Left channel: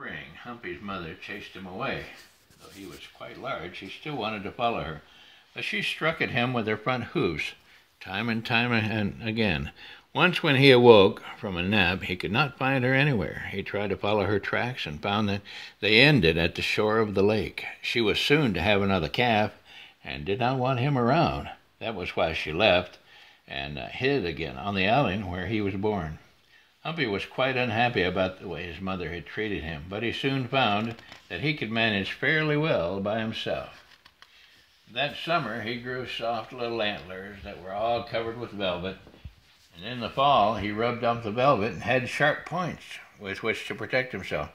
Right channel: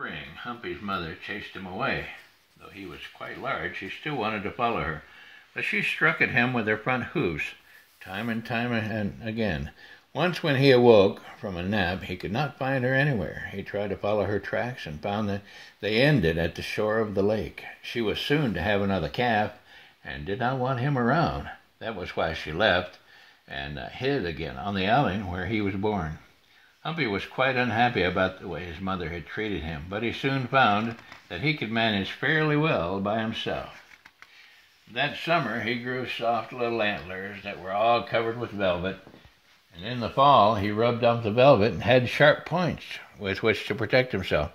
spring, Humpy's mother chased him away. Though he was quite large, she still wanted to follow her, but she struck at him with her front hoofs, time and time and again. Once when he awoke from a nap, he could not find her anywhere. He tried to follow her tracks and found that they ended at the shore of the lake. She was soon to have another calf and did not want him around. That was why she left and hid again on the island where he was born. Humpy was quite unhappy about the way his mother had treated him, but he soon found that he could manage fairly well by himself. That summer he grew soft little antlers that were all covered with velvet, and in the fall he rubbed off the velvet and had sharp points with which to protect himself.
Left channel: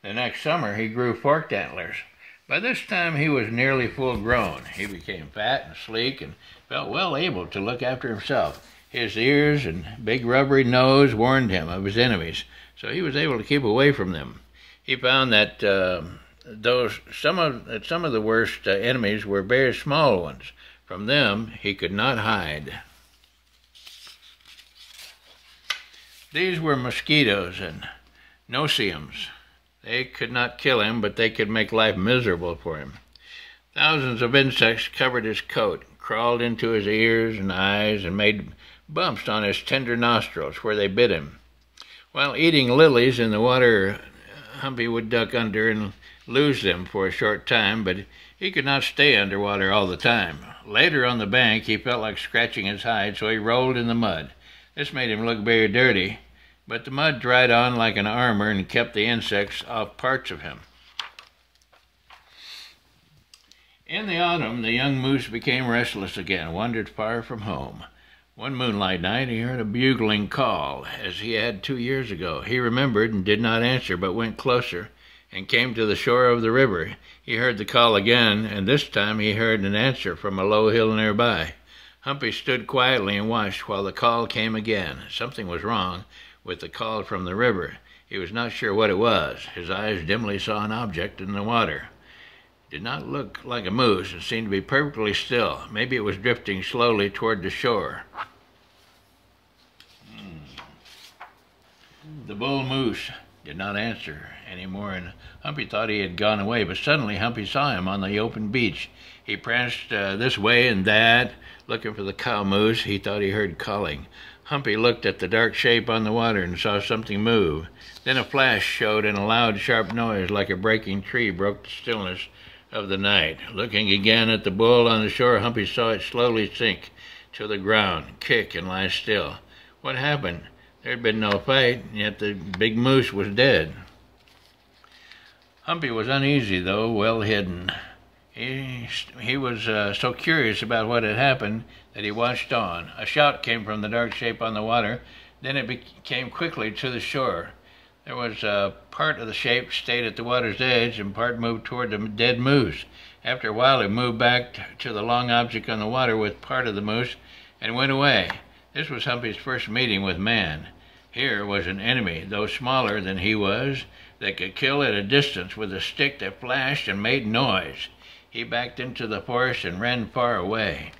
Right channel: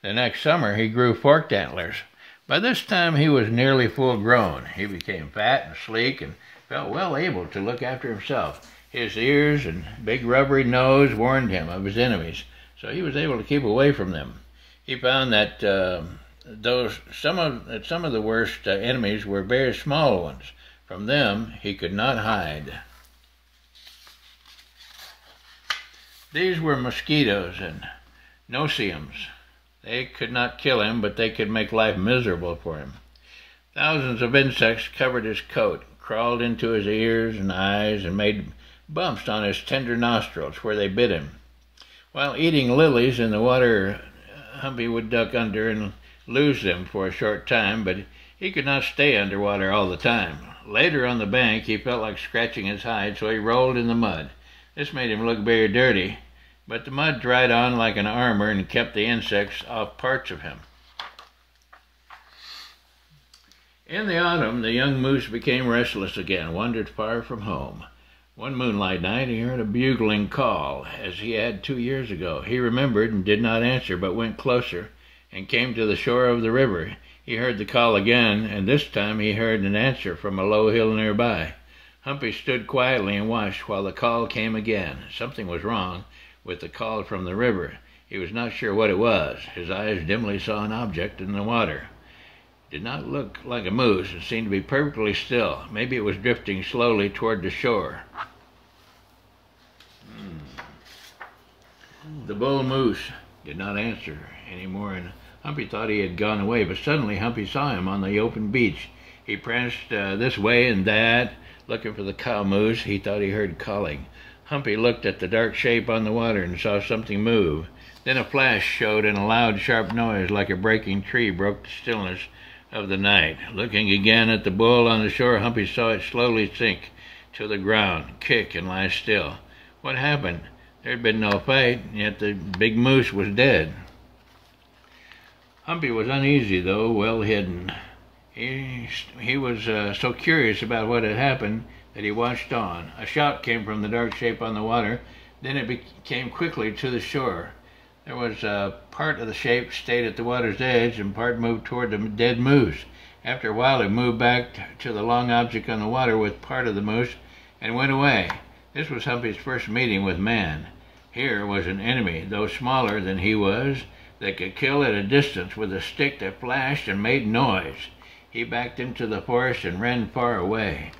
The next summer he grew forked antlers. By this time he was nearly full grown. He became fat and sleek and felt well able to look after himself. His ears and big rubbery nose warned him of his enemies, so he was able to keep away from them. He found that some of the worst enemies were very small ones. From them he could not hide. These were mosquitoes and no-see-ums. They could not kill him, but they could make life miserable for him. Thousands of insects covered his coat, crawled into his ears and eyes, and made bumps on his tender nostrils where they bit him. While eating lilies in the water, Humpy would duck under and lose them for a short time, but he could not stay underwater all the time. Later on the bank, he felt like scratching his hide, so he rolled in the mud. This made him look very dirty, but the mud dried on like an armor and kept the insects off parts of him. In the autumn, the young moose became restless again, wandered far from home. One moonlight night, he heard a bugling call, as he had 2 years ago. He remembered and did not answer, but went closer and came to the shore of the river. He heard the call again, and this time he heard an answer from a low hill nearby. Humpy stood quietly and watched while the call came again. Something was wrong with the call from the river. He was not sure what it was. His eyes dimly saw an object in the water. It did not look like a moose. It seemed to be perfectly still. Maybe it was drifting slowly toward the shore. The bull moose did not answer anymore, and Humpy thought he had gone away, but suddenly Humpy saw him on the open beach. He pranced this way and that, looking for the cow moose he thought he heard calling. Humpy looked at the dark shape on the water and saw something move. Then a flash showed, and a loud, sharp noise like a breaking tree broke the stillness of the night. Looking again at the bull on the shore, Humpy saw it slowly sink to the ground, kick, and lie still. What happened? There had been no fight, yet the big moose was dead. Humpy was uneasy, though well hidden. He was so curious about what had happened that he watched on. A shout came from the dark shape on the water. Then it came quickly to the shore. There was part of the shape stayed at the water's edge and part moved toward the dead moose. After a while it moved back to the long object on the water with part of the moose and went away. This was Humpy's first meeting with man. Here was an enemy, though smaller than he was, that could kill at a distance with a stick that flashed and made noise. He backed into the forest and ran far away.